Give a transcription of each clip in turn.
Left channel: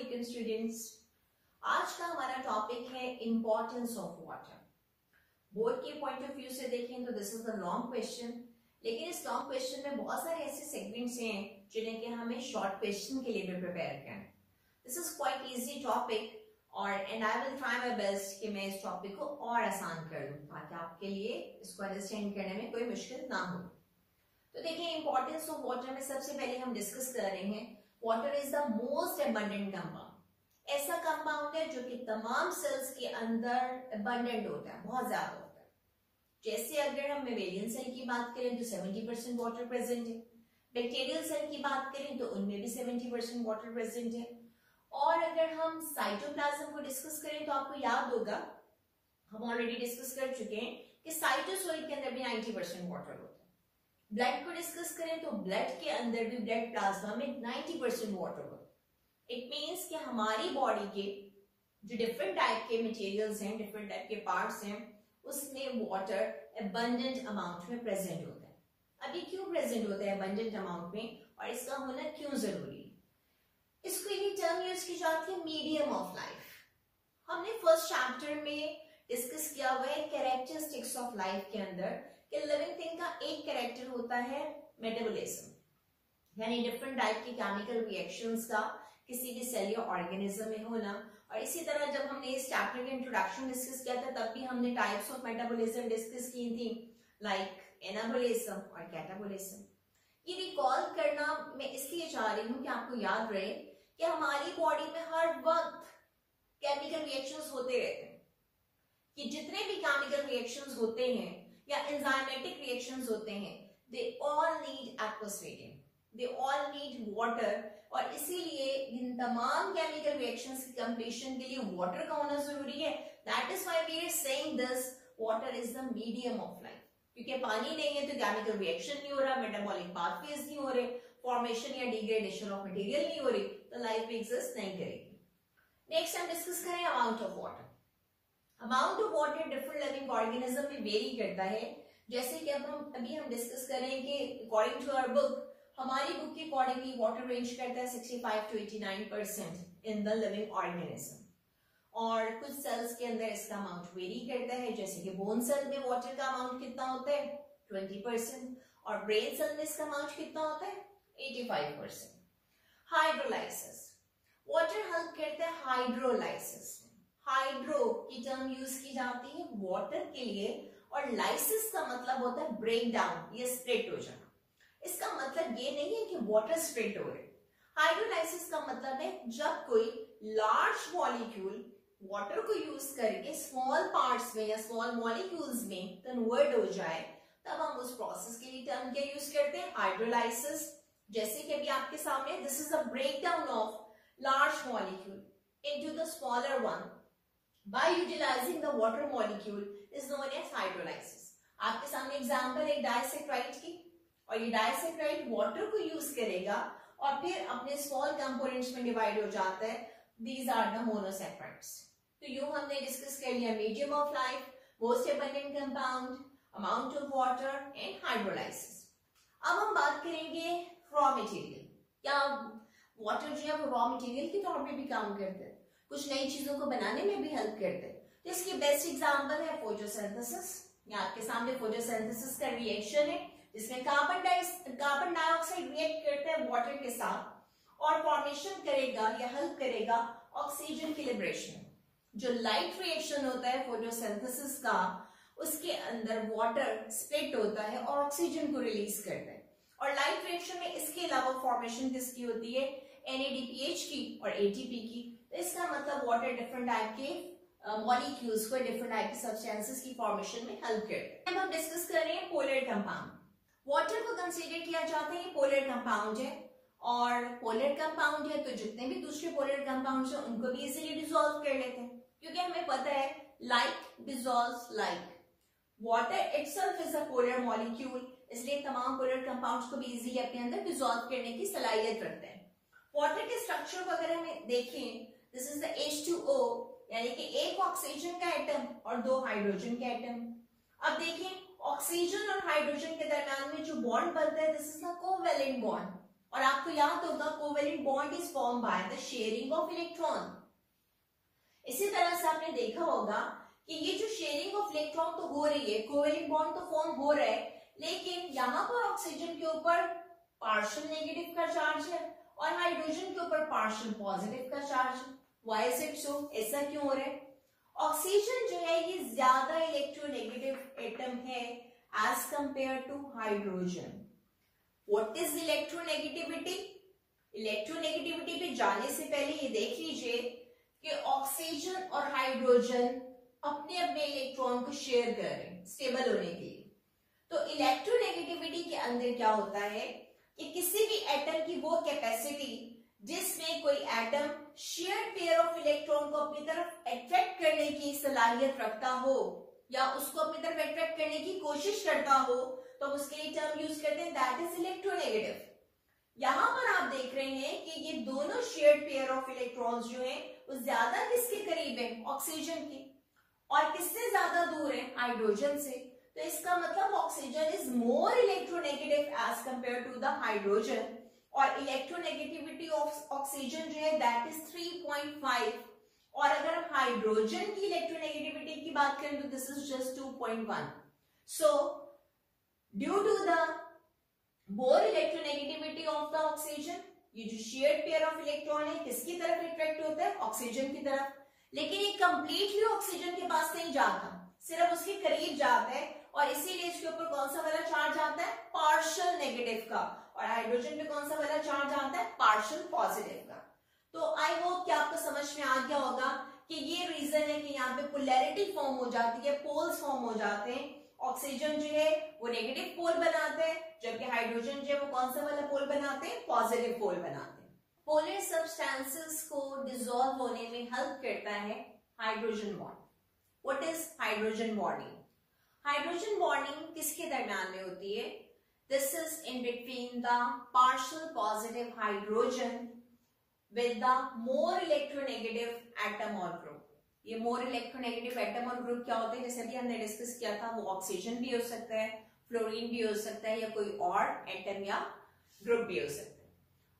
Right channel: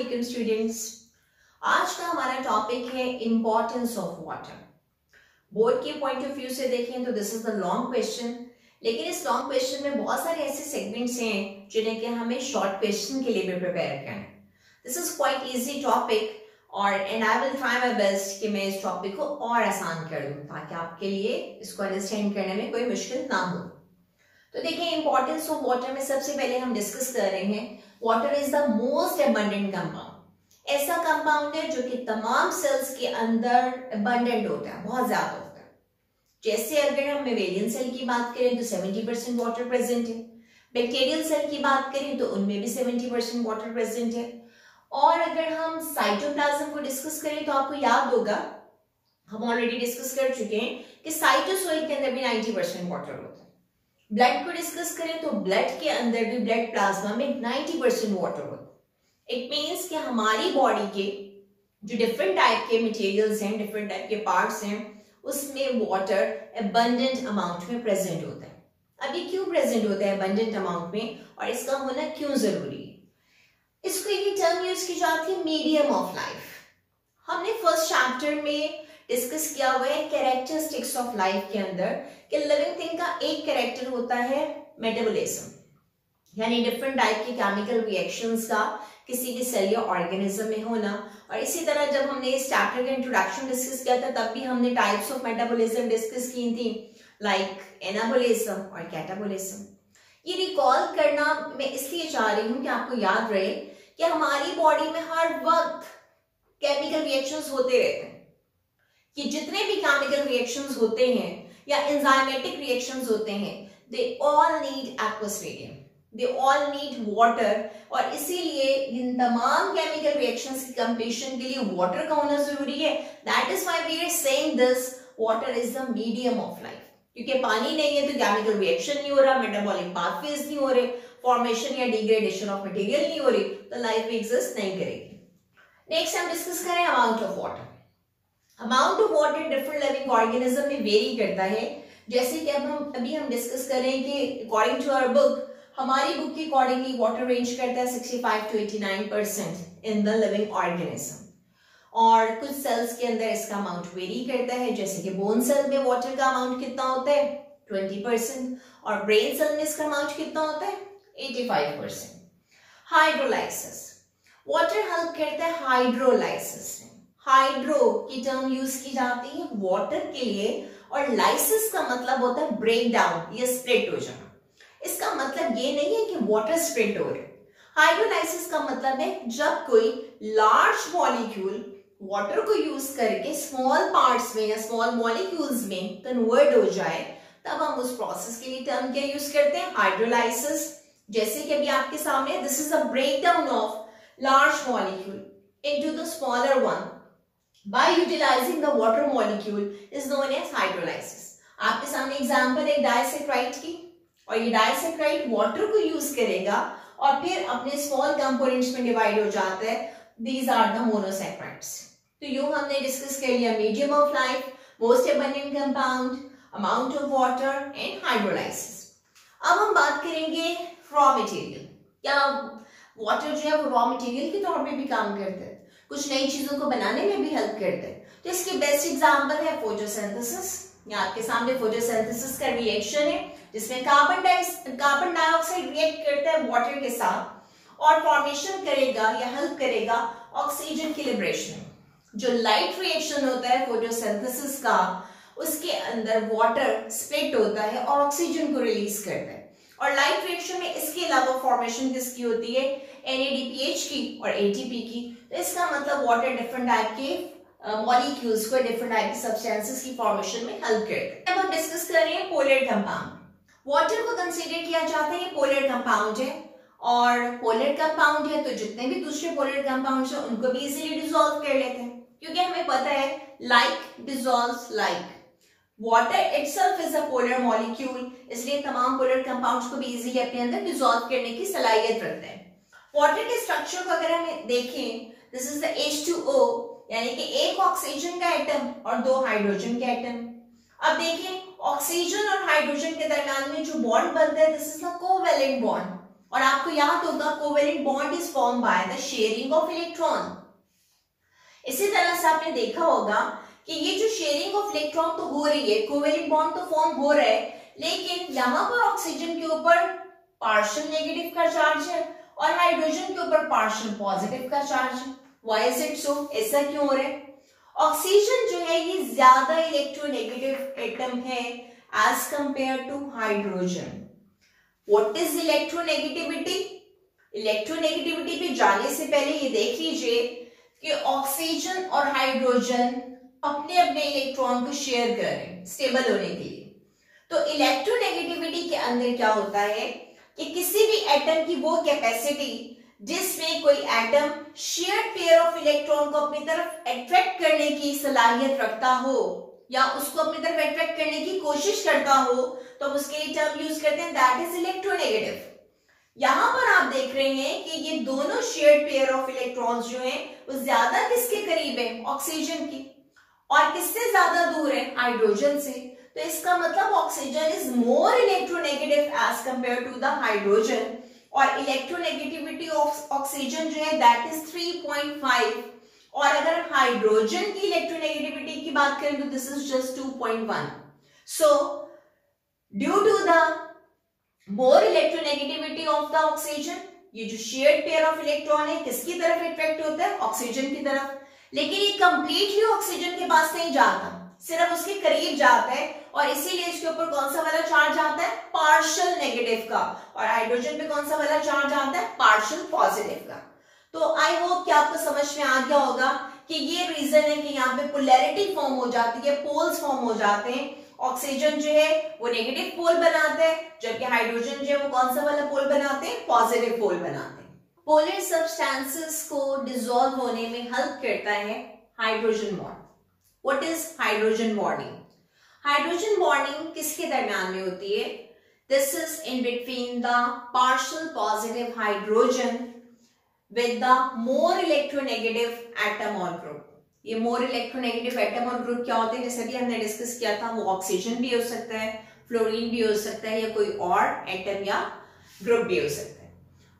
वालेकुम स्टूडेंट्स। आज का हमारा टॉपिक है इम्पोर्टेंस ऑफ वाटर। बोर्ड के पॉइंट ऑफ व्यू से देखें तो this is the long question, लेकिन इस लॉन्ग क्वेश्चन में बहुत सारे ऐसे सेगमेंट्स हैं जिन्हें कि हमें शॉर्ट क्वेश्चन के लिए भी प्रिपेयर करना है। This is quite easy topic और and I will try my best कि मैं इस टॉपिक को और आसान कर दूं ताकि आपके लिए इसको अंडरस्टैंड करने में कोई मुश्किल ना हो। तो देखिए, इंपॉर्टेंस ऑफ वाटर में सबसे पहले हम डिस्कस कर रहे हैं water is the most abundant compound. ऐसा कंपाउंड है जो कि तमाम सेल्स के अंदर एबंडेंट होता है, बहुत ज्यादा होता है। जैसे अगर हम मेवेलियन सेल की बात करें तो 70% वाटर प्रेजेंट है, बैक्टीरियल सेल की बात करें तो उनमें भी 70% वाटर प्रेजेंट है। और अगर हम साइटोप्लाज्म को डिस्कस करें तो आपको याद होगा, हम ऑलरेडी डिस्कस कर चुके हैं कि साइटोसोइड के अंदर भी 90% वाटर होता है। ब्लड को डिस्कस करें तो ब्लड के अंदर भी, ब्लड प्लाज्मा में 90% वाटर होता है। इट मीन्स कि हमारी बॉडी के जो डिफरेंट टाइप के मटेरियल्स हैं, डिफरेंट टाइप के पार्ट्स हैं, उसमें वाटर एबंडेंट अमाउंट में प्रेजेंट होता है। अब ये क्यों प्रेजेंट होता है एबंडेंट अमाउंट में और इसका होना क्यों जरूरी है? इसको एक टर्म यूज की जाती है, मीडियम ऑफ लाइफ। हमने फर्स्ट चैप्टर में डिस्कस किया हुआ है कैरेक्टरिस्टिक्स ऑफ लाइफ के अंदर कि लिविंग थिंग का एक कैरेक्टर होता है मेटाबॉलिज्म, यानी डिफरेंट टाइप के केमिकल रिएक्शंस का किसी भी सेल या ऑर्गेनिज्म में होना। और इसी तरह जब हमने इस चैप्टर का इंट्रोडक्शन डिस्कस किया था तब भी हमने टाइप्स ऑफ मेटाबॉलिज्म डिस्कस की थी, लाइक एनाबॉलिज्म और कैटाबॉलिज्म। ये रिकॉल करना मैं इसलिए चाह रही हूँ कि आपको याद रहे कि हमारी बॉडी में हर वक्त केमिकल रिएक्शंस होते रहते हैं। कि जितने भी केमिकल रिएक्शंस होते हैं या एंजाइमेटिक रिएक्शंस होते हैं, they all need aqueous medium, they all need water. और इसीलिए इन तमाम केमिकल रिएक्शंस की कंप्लीशन के लिए वाटर का होना जरूरी है। That is why we are saying this water is the medium of life. क्योंकि पानी नहीं है तो केमिकल रिएक्शन नहीं हो रहा, मेटाबॉलिक पाथवेज नहीं हो रहे, फॉर्मेशन या डिग्रेडेशन ऑफ मटेरियल नहीं हो रही, तो लाइफ भी एग्जिस्ट नहीं करेगी। नेक्स्ट हम डिस्कस करें amount of water. Amount of water different living organism में वेरी करता है। जैसे कि अभी हम डिस्कस करें कि अकॉर्डिंग टू आवर बुक, हमारी बुक के अकॉर्डिंगली वाटर रेंज करता है 65 to 89% in the living organism. और कुछ सेल्स के अंदर इसका अमाउंट वेरी करता है, जैसे कि बोन सेल में वाटर का अमाउंट कितना होता है 20% और ब्रेन सेल में इसका अमाउंट कितना होता है 85%। हाइड्रोलाइसिस, वाटर हेल्प करता है हाइड्रोलाइसिस। हाइड्रो की टर्म यूज की जाती है वाटर के लिए और लाइसिस का मतलब होता है ब्रेक डाउन या स्प्लिट हो जाना। इसका मतलब ये नहीं है कि वाटर स्प्लिट हो रहे। हाइड्रोलाइसिस का मतलब है जब कोई लार्ज मॉलिक्यूल वाटर को यूज करके स्मॉल पार्ट्स में या स्मॉल मॉलिक्यूल्स में कन्वर्ट हो जाए, तब हम उस प्रोसेस के लिए टर्म क्या यूज करते हैं, हाइड्रोलाइसिस। जैसे कि अभी आपके सामने this is a break down of large molecule into the smaller one by utilizing the water molecule is known as hydrolysis। आपके सामने एग्जांपल है डाइसैक्राइड की, और ये डाइसैक्राइड वाटर को यूज करेगा और फिर अपने स्मॉल कंपोनेंट्स में डिवाइड हो जाता है। These are the monosaccharides. तो यूं हमने डिस्कस कर लिया medium of life, most abundant compound, amount of water and hydrolysis. अब हम बात करेंगे रॉ मटेरियल। क्या वाटर जो है वो रॉ मटेरियल के तौर पे भी काम करता है, कुछ नई चीजों को बनाने में भी हेल्प करते हैं। तो इसकी बेस्ट एग्जांपल है फोटोसिंथेसिस। यहाँ आपके सामने फोटोसिंथेसिस का रिएक्शन है जिसमें कार्बन डाइऑक्साइड रिएक्ट करता है वाटर के साथ और फॉर्मेशन करेगा या हेल्प करेगा ऑक्सीजन की लिबरेशन में। जो लाइट रिएक्शन होता है फोटोसिंथेसिस का, उसके अंदर वाटर स्प्लिट होता है और ऑक्सीजन को रिलीज करता है। और लाइट रिएक्शन में इसके अलावा फॉर्मेशन किसकी होती है, NADPH की और ATP की। तो इसका मतलब वाटर डिफरेंट टाइप के मॉलिक्यूल्स को डिफरेंट टाइप की सब्सटेंसेस की फॉर्मेशन में हेल्प करते हैं। अब हम डिस्कस कर रहे हैं पोलर कंपाउंड। वाटर को कंसीडर किया जाता है ये पोलर कंपाउंड है, और पोलर कंपाउंड है तो जितने भी दूसरे पोलर कंपाउंड्स हैं उनको भी इजीली डिसॉल्व कर लेते हैं, क्योंकि हमें पता है like dissolves like. Water itself is a polar molecule, इसलिए तमाम पोलर कंपाउंड्स को भी इजीली अपने अंदर डिसॉल्व करने की सलाहियत रखते हैं। वाटर के स्ट्रक्चर को अगर हम देखें, दिस इज द H2O, यानी कि एक ऑक्सीजन का एटम और दो हाइड्रोजन के एटम। अब देखिए ऑक्सीजन और हाइड्रोजन के दरमियान में जो बॉन्ड बनता है, this is the covalent bond. और आपको याद होगा covalent bond is form by the sharing of electron. इसी तरह से आपने देखा होगा कि ये जो शेयरिंग ऑफ इलेक्ट्रॉन तो हो रही है, कोवेलेंट बॉन्ड तो फॉर्म हो रहा है, लेकिन यहाँ पर ऑक्सीजन के ऊपर पार्शियल नेगेटिव का चार्ज है और हाइड्रोजन के ऊपर पार्शियल पॉजिटिव का चार्ज है। Why is it so? ऐसा क्यों हो रहा है? ऑक्सीजन जो है ये ज्यादा इलेक्ट्रोनेगेटिव एटम है as compare to hydrogen. What is electronegativity? Electronegativity पे जाने से पहले ये देख लीजिए कि ऑक्सीजन और हाइड्रोजन अपने अपने इलेक्ट्रॉन को शेयर कर रहे हैं स्टेबल होने के लिए। तो इलेक्ट्रोनेगेटिविटी के अंदर क्या होता है कि किसी भी एटम की वो कैपेसिटी जिसमें कोई atom shared pair of electron को अपनी तरफ अट्रैक्ट करने की सलाहियत रखता हो या उसको अपनी तरफ अट्रैक्ट करने की कोशिश करता हो, तो हम उसके लिए टर्म यूज करते हैं दैट इज इलेक्ट्रोनेगेटिव। यहां पर आप देख रहे हैं कि ये दोनों शेयर्ड पेयर ऑफ इलेक्ट्रॉन्स जो हैं वो ज्यादा किसके करीब है? ऑक्सीजन की। और किससे ज्यादा दूर है? हाइड्रोजन से। तो इसका मतलब oxygen is more electronegative as compare to the hydrogen, और इलेक्ट्रोनेगेटिविटी ऑफ ऑक्सीजन जो है दैट इज 3.5, और अगर हाइड्रोजन की इलेक्ट्रोनेगेटिविटी की बात करें तो this is just 2.1। So due to the more electronegativity of the oxygen, ये जो शेयर्ड पेयर ऑफ इलेक्ट्रॉन है किसकी तरफ अट्रैक्ट होता है? ऑक्सीजन की तरफ। लेकिन ये कंप्लीटली ऑक्सीजन के पास नहीं जाता, सिर्फ उसके करीब जाता है, और इसीलिए इसके ऊपर कौन सा वाला चार्ज आता है? पार्शियल नेगेटिव का। और हाइड्रोजन पे कौन सा वाला चार्ज आता है? पार्शियल पॉजिटिव का। तो आई होप कि आपको समझ में आ गया होगा कि ये रीजन है कि यहाँ पे पोलैरिटी फॉर्म हो जाती है, पोल्स फॉर्म हो जाते हैं। ऑक्सीजन जो है वो नेगेटिव पोल बनाते हैं, जबकि हाइड्रोजन जो है वो कौन सा वाला पोल बनाते हैं? पॉजिटिव पोल बनाते हैं। पोलर सब्सटेंसेस को डिसॉल्व होने में हेल्प करता है hydrogen bond. What is hydrogen bonding? Hydrogen bonding किसके दरमियान में होती है? This is in between the partial positive hydrogen with the more electronegative atom और ग्रुप। ये मोर इलेक्ट्रोनेगेटिव एटम और ग्रुप क्या होते हैं? जैसे भी हमने डिस्कस किया था, वो ऑक्सीजन भी हो सकता है, फ्लोरीन भी हो सकता है, या कोई और एटम या ग्रुप भी हो सकता है।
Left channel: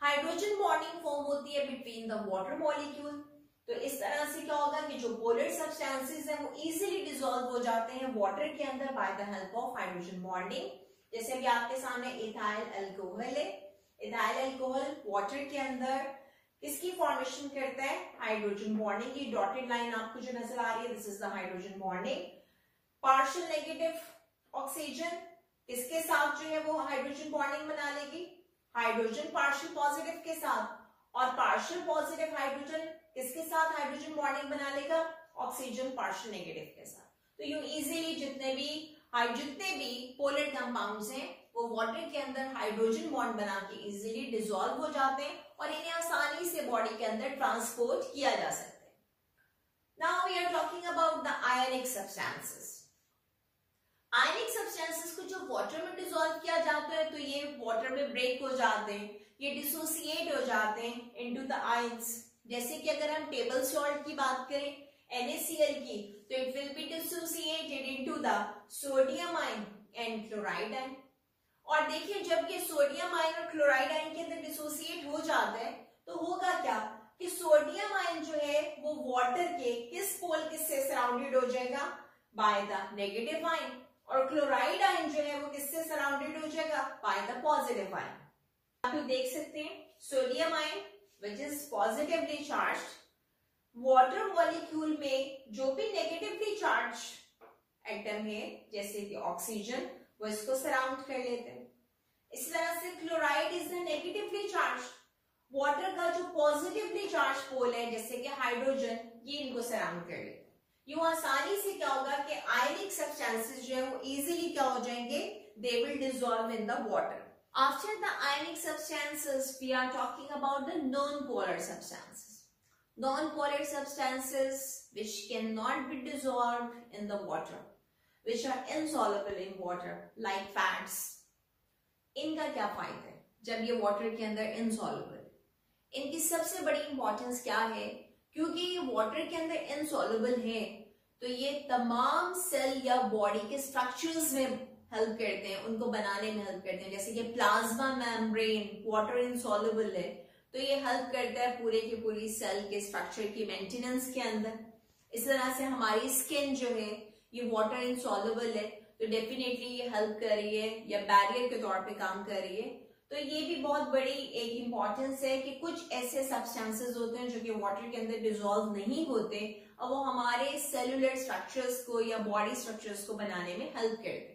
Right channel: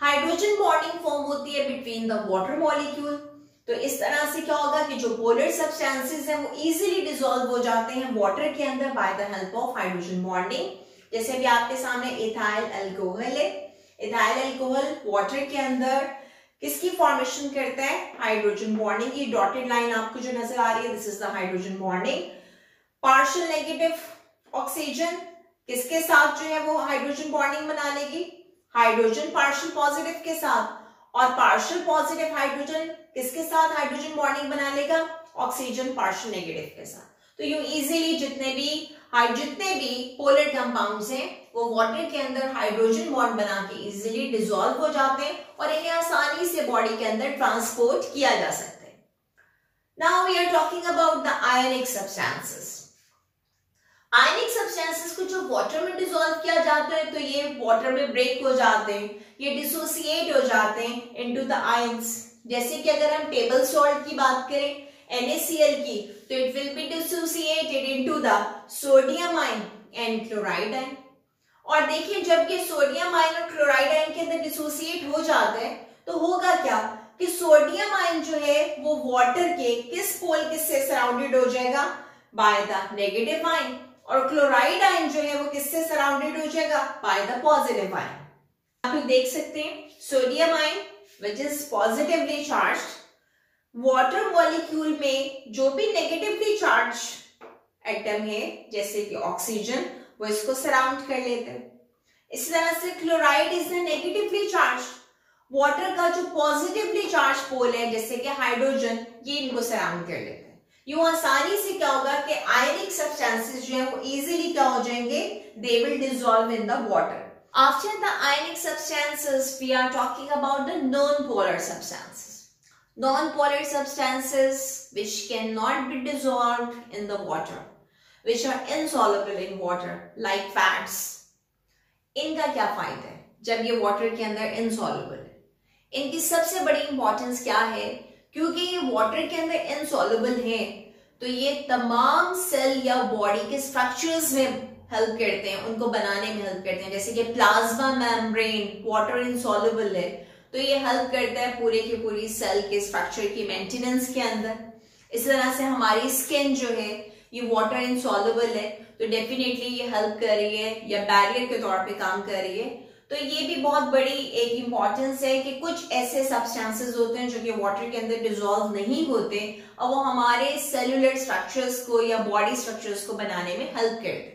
हाइड्रोजन बॉन्डिंग फॉर्म होती है बिटवीन द वाटर मॉलिक्यूल। तो इस तरह से क्या होगा कि जो पोलर सब्सटेंसेस हैं वो इजीली डिसॉल्व हो जाते हैं वाटर के अंदर by the help of hydrogen bonding. जैसे भी आपके सामने इथाइल अल्कोहल है, इथाइल अल्कोहल वाटर के अंदर किसकी फॉर्मेशन करता है? हाइड्रोजन बॉन्डिंग की। डॉटेड लाइन आपको जो नजर आ रही है this is the hydrogen bonding. Partial negative oxygen किसके साथ जो है वो हाइड्रोजन बॉन्डिंग बना लेगी? हाइड्रोजन पार्शियल पॉजिटिव के साथ। और पार्शियल पॉजिटिव हाइड्रोजन किसके साथ हाइड्रोजन बॉन्डिंग बना लेगा? ऑक्सीजन पार्शियल नेगेटिव के साथ। तो यूं इजीली जितने भी पोलर कंपाउंड्स हैं वो वाटर के अंदर हाइड्रोजन बॉन्ड बना के इजीली डिसॉल्व हो जाते हैं और इन्हें आसानी से बॉडी के अंदर ट्रांसपोर्ट किया जा सकता है। Now we are talking about the ionic substances. Ionic substances को जो वाटर में डिसॉल्व किया जाता है तो ये वाटर में ब्रेक हो जाते हैं, ये डिसोसिएट हो जाते हैं इनटू द आयंस। जैसे कि अगर हम टेबल सॉल्ट की बात करें NaCl की, तो it will be dissociated into the sodium ion and chloride ion. और देखिए जब ये सोडियम आयन और क्लोराइड आयन के अंदर डिसोसिएट हो जाता है तो होगा क्या कि सोडियम आयन जो है वो वाटर के किस पोल किससे सराउंडेड हो जाएगा? By the negative ion. और क्लोराइड आयन जो है वो किससे सराउंडेड हो जाएगा? By the positive ion. आप लोग देख सकते हैं sodium ion which is positively charged, water molecule में जो भी नेगेटिवली चार्ज एटम है जैसे कि ऑक्सीजन वो इसको सराउंड कर लेते हैं। इसी तरह से chloride is the negatively charge, water का जो पॉजिटिवली चार्ज पोल है जैसे कि हाइड्रोजन ये इनको सराउंड कर लेते हैं। यूं आसानी से क्या होगा कि आयनिक सब्सटेंसेस जो है वो इजीली क्या हो जाएंगे? They will dissolve in the water. After the ionic substances we are talking about the non polar substances. Non-polar substances which cannot be dissolved in the water, which are insoluble in water, like fats. इनका क्या फायदा है जब ये water के अंदर insoluble है? इनकी सबसे बड़ी इंपॉर्टेंस क्या है? क्योंकि ये वाटर के अंदर insoluble है तो ये तमाम सेल या बॉडी के स्ट्रक्चर्स में हेल्प करते हैं, उनको बनाने में हेल्प करते हैं। जैसे कि प्लाज्मा मेम्ब्रेन वाटर इनसॉल्युबल है, तो ये हेल्प करता है पूरे की पूरी सेल के स्ट्रक्चर की मेंटेनेंस के अंदर। इस तरह से हमारी स्किन जो है ये वाटर इनसॉल्युबल है, तो डेफिनेटली ये हेल्प कर रही है या बैरियर के तौर पे काम कर रही है। तो ये भी बहुत बड़ी एक इंपॉर्टेंस है कि कुछ ऐसे सब्सटेंसेस होते हैं जो कि वाटर के अंदर डिसॉल्व नहीं होते और वो हमारे सेलुलर स्ट्रक्चर्स को या बॉडी स्ट्रक्चर्स को बनाने में हेल्प करते हैं।